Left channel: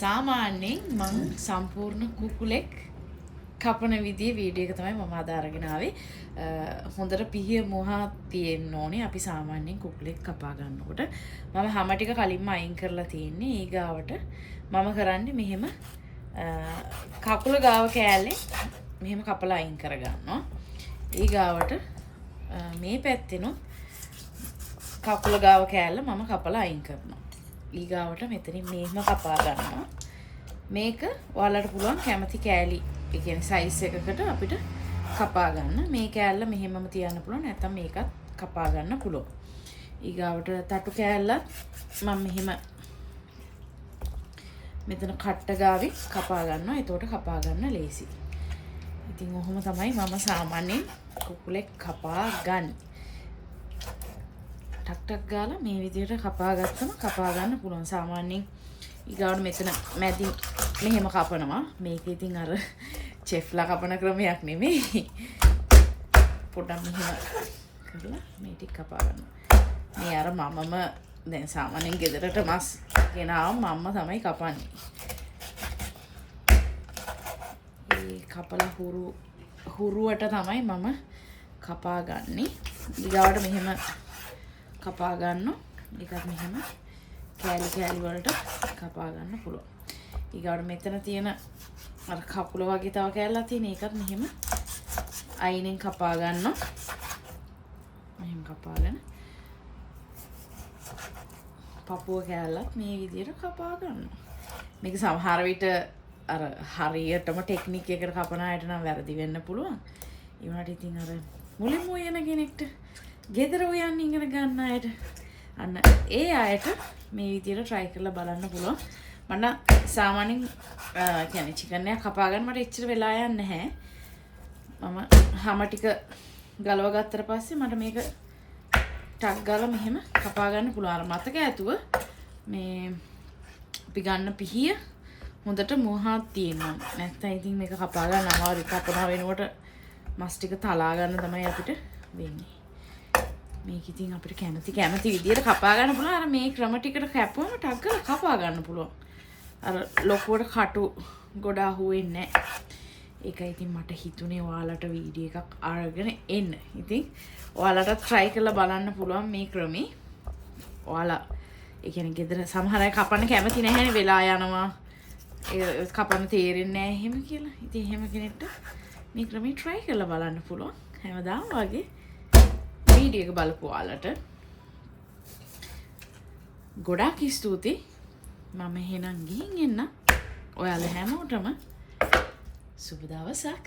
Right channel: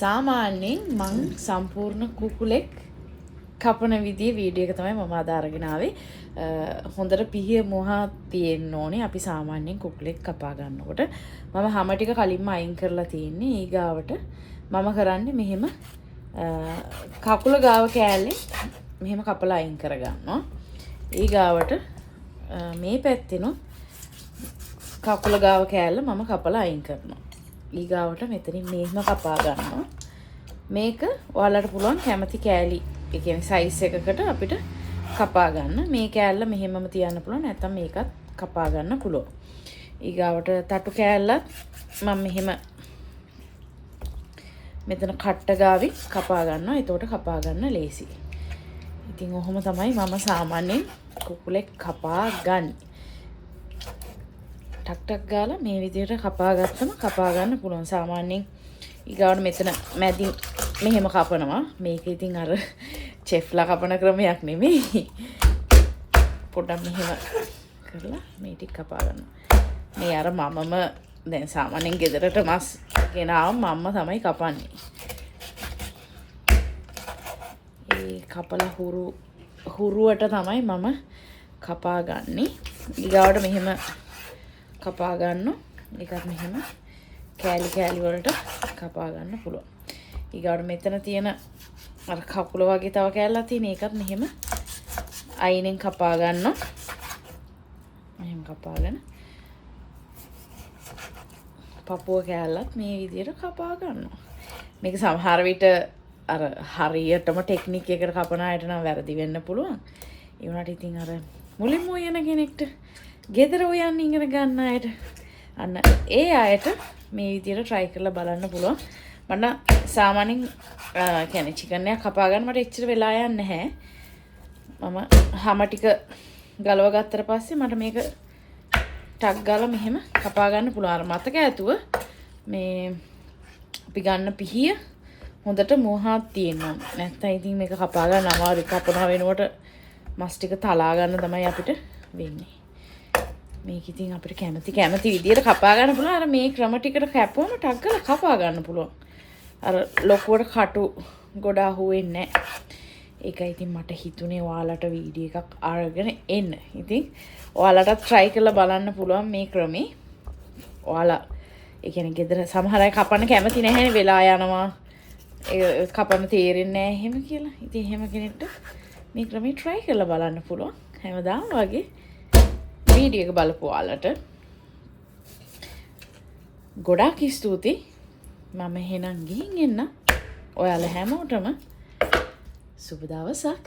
සාමාන්‍යයෙන් මං සම්පූර්ණ කුකුලෙක් කපන විදිහේ වීඩියෝ එක තමයි මම අද අරගෙන ආවේ. හොඳට පිහිය මොහා තියෙන්න ඕනේ. අපි සාමාන්‍යයෙන් කුකුලෙක් කපා ගන්නකොට මම හැම ටික කලින්ම අයින් කරලා තියෙන්නේ. ඊගාවට මම කරන්නේ මෙහෙම කකුල ගාව කෑල්ලේ මෙහෙම කපලා අයින් කරගන්නවා. ඊගාවට මේ පැත්තෙනොත් කකුල ගාව කෑල්ල මම කපලා අයින් කරනවා. ඊගාවට මෙතනින් මෙහෙම කපා ගන්නවා. මේක ඔයාලට පුළුවන් කැමති කෑලි ඒ කියන්නේ සයිස් එකකට අපිට කපා ගන්න. මේ කෑල්ල මෙහෙමම තියන්න පුළුවන්. නැත්නම් මේකත් කපා ගන්න පුළුවන්. ඊගාවට තටු කෑල්ලත් මම මෙහෙම මෙතන කට්ට ගාවි කපා ගන්නවා. එතකොට කපා ගන්න ලේසි. ඉතින් ඔහොම තමයි මම සාමාන්‍යයෙන් කුකුලෙක් කපා ගන්නේ. ටක් ටක් ගාලා මේ විදිහට කපා ගත්තම කපා ගන්න පුළුවන්. සාමාන්‍යයෙන් ඊගාවට මෙතන මැදින් මෙහෙම කපනවා. මේක ඉතින් අර චෙෆ්ලා කපන ක්‍රමයක් නෙමෙයි. පොඩ්ඩක් මෙහෙම කරලා මේ ටික කපා ගන්නවා. මේ අර මමම දැන් සාමාන්‍යයෙන් ගෙදරට මස් ගෙනාවම මම්ම තමයි කපන්නේ. ඒ කපලා හුරුවට තමයි මම කපා ගන්නෙ. ඊගාවට මෙහෙම කපා ගන්නවා. ඒකත් මෙහෙම කෑලි කෑලි වලට කපා ගන්න පුළුවන්. ඊගාවට මෙතන තියෙන අර කකුල වගේ තව කෑල්ලක් තියෙන ඒකත් මෙහෙම අයිනෙන් කපා ගන්නවා. මෙහෙම කපාගෙන පපුව කෑල්ලත් මේ විදිහට කපා ගන්නවා. මේක සමහර විට අර හරියටම ටෙක්නික් එකකට කපන අයට නම් වැරදි වෙන්න පුළුවන්. ඒ වුණාට ඉතින් අර මුලින්ම උයන කෙනෙක්ට ගෙදර උයන් ඉගෙන ගන්න අයට අන්න ඒ අයට මේ විදිහට try කරලා බලන්න පුළුවන්. මට සාමාන්‍යයෙන් කියන්නේ චිකන් එකක් කපා ගන්න මට එච්චර වෙලා යන්නේ නැහැ. මම හැම ටික ගලව ගත්තට පස්සේ මට මේක ටක් ගාලා මෙහෙම කපා ගන්න පුළුවන්. අර මතක ඇතුව මේ අපි ගන්න පිහිය හොඳට මොහාත් තියෙනවා. නැත්නම් ඉතින් මේක කපා ගන්න අමාරුයි. කපනවා වෙනකොට මස් ටික තලා ගන්න තමයි අපිට වෙන්නේ. මේක ඉතින් අපිට කැමති විදියට කපා ගන්න පුළුවන්. අර මේ ක්‍රම ටිකට කැපුවම ටක් ගාලා කපා ගන්න පුළුවන්. අර ලොකුවට කටු ගොඩ අහුවෙන්නේ නැහැ. ඒකයි ඉතින් මට හිතුනේ ඔයාලට වීඩියෝ එකක් අරගෙන එන්න. ඉතින් ඔයාලටත් try කරලා බලන්න පුළුවන් මේ ක්‍රමේ. ඔයාලා ඒ කියන්නේ ගෙදර සමහර අය කපන්න කැමති නැහැ වෙලා යනවා. ඒ කපන්න තේරෙන්නේ නැහැ එහෙම කියලා. ඉතින් එහෙම කෙනෙක්ට මේ ක්‍රමේ try කරලා බලන්න පුළුවන්. හැමදාම වගේ වීඩියෝ එක බලපු ඔයාලට ගොඩාක් ස්තුතියි. මම එහෙනම් ගිහින් එන්න. ඔයාලා හැමෝටම සුබ දවසක්.